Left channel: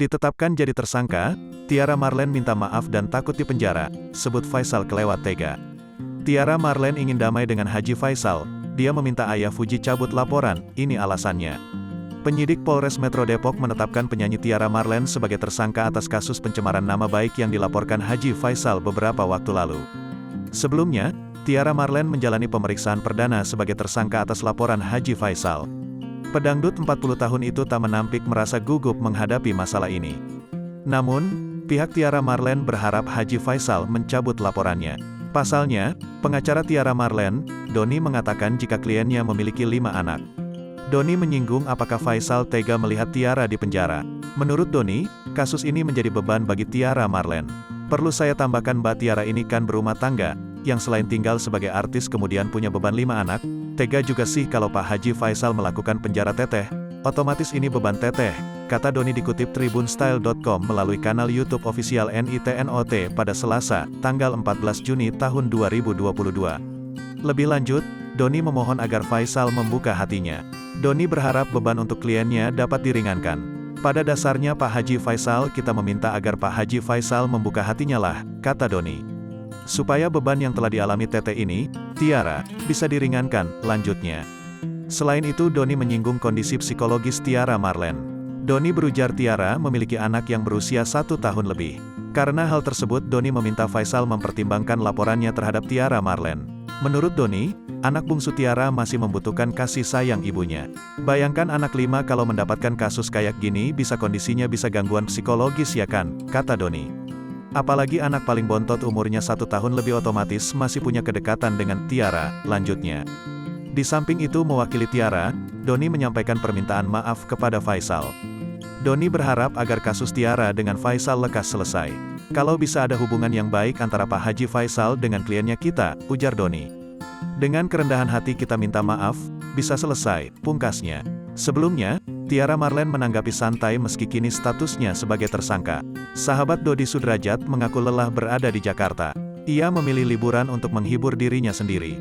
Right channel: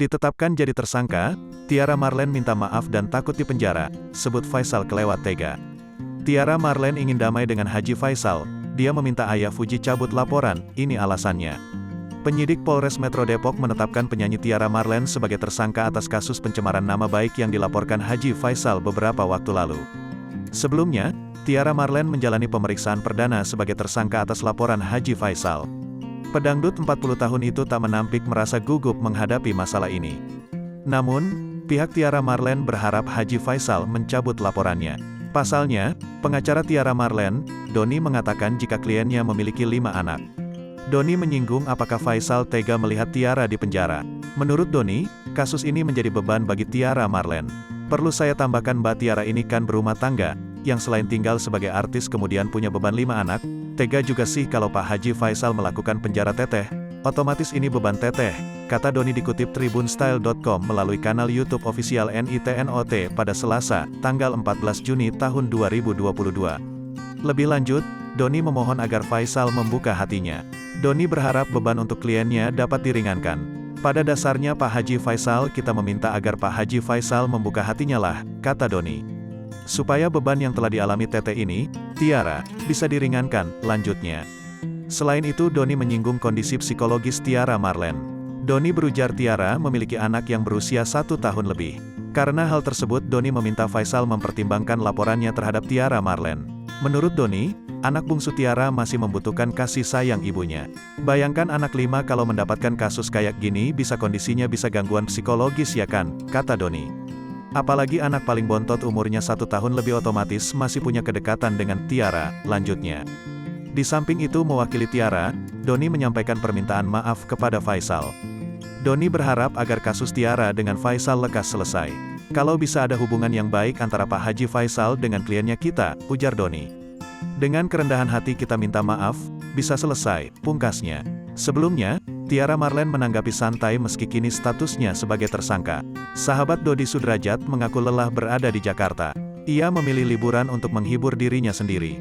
Ditetapkan jadi tersangka, Tiara Marlen minta maaf dan takut dipenjara, sebut Faisal kelewat tega. Tiara Marlen ingin damai dengan Haji Faisal, dia meminta ayah Fuji cabut laporan, ini alasannya. Penyidik Polres Metro Depok menetapkan penyanyi Tiara Marlen sebagai tersangka atas kasus pencemaran nama baik yang dilaporkan Haji Faisal beberapa waktu lalu. Sebelumnya, Tiara Marlen menjalani pemeriksaan perdana sebagai tersangka atas laporan Haji Faisal. Pedangdut 40 tahun itu tak menampik merasa gugup menghadapi masalah ini. Namun, pihak Tiara Marlen berharap Haji Faisal mencabut laporannya. Pasalnya, pengacara Tiara Marlen, Doni mengatakan jika kliennya memiliki 5 anak. Doni menyinggung apakah Faisal tega melihat Tiara di penjara. Menurut Doni, kasus ini menjadi beban bagi Tiara Marlen. Perlu saya tambahkan Mbak Tiara ini kan berumah tangga, yang selain tinggal sebagai artis kemudian punya beban 5 anak, tega juga sih kalau Pak Haji Faisal melakukan penjara teteh, otomatis ini beban teteh, kata Doni dikutip tribunstyle.com melalui kanal YouTube official NITNOT pada Selasa, tanggal 14 Juni tahun 2022. Lebih lanjut, Doni memohon agar Faisal membuka hatinya. Doni berharap beban untuk kliennya dapat diringankan. Pada dasarnya Pak Haji Faisal kita meminta agar Pak Haji Faisal membuka hatinya lah, kata Doni. Supaya beban yang telah dialami Tete ini, Tiara, bisa diringankan, lanjutnya. Selain itu Doni menyinggung kondisi psikologis Tiara Marlen. Doni berujar Tiara memiliki anak yang berusia 1 tahun lebih. Karena hal tersebut Doni meminta Faisal mempertimbangkan laporannya terhadap Tiara Marlen. Menurut Doni, anak bungsu Tiara masih membutuhkan kasih sayang ibunya. Bayangkan anak 5 kalau mendapatkan kasus kayak gini kondisinya bisa gangguan psikologis ya kan, kata Doni. Apalagi anak paling bontot umurnya 1 tahun lebih otomatis masih punya kedekatan dengan Tiara, lanjutnya. Di samping itu mewakili Tiara, Doni menyampaikan permintaan maaf kepada Faisal. Doni berharap agar kasus Tiara dengan Faisal lekas selesai. Kalau bisa ada hubungan yang baik antara Pak Haji Faisal dengan kliennya kita, ujar Doni. Dengan kerendahan hati kita minta maaf, bisa selesai, pungkasnya. Sebelumnya, Tiara Marlen menanggapi santai meski kini statusnya sebagai tersangka. Sahabat Dodi Sudrajat mengaku lelah berada di Jakarta. Ia memilih liburan untuk menghibur dirinya sendiri.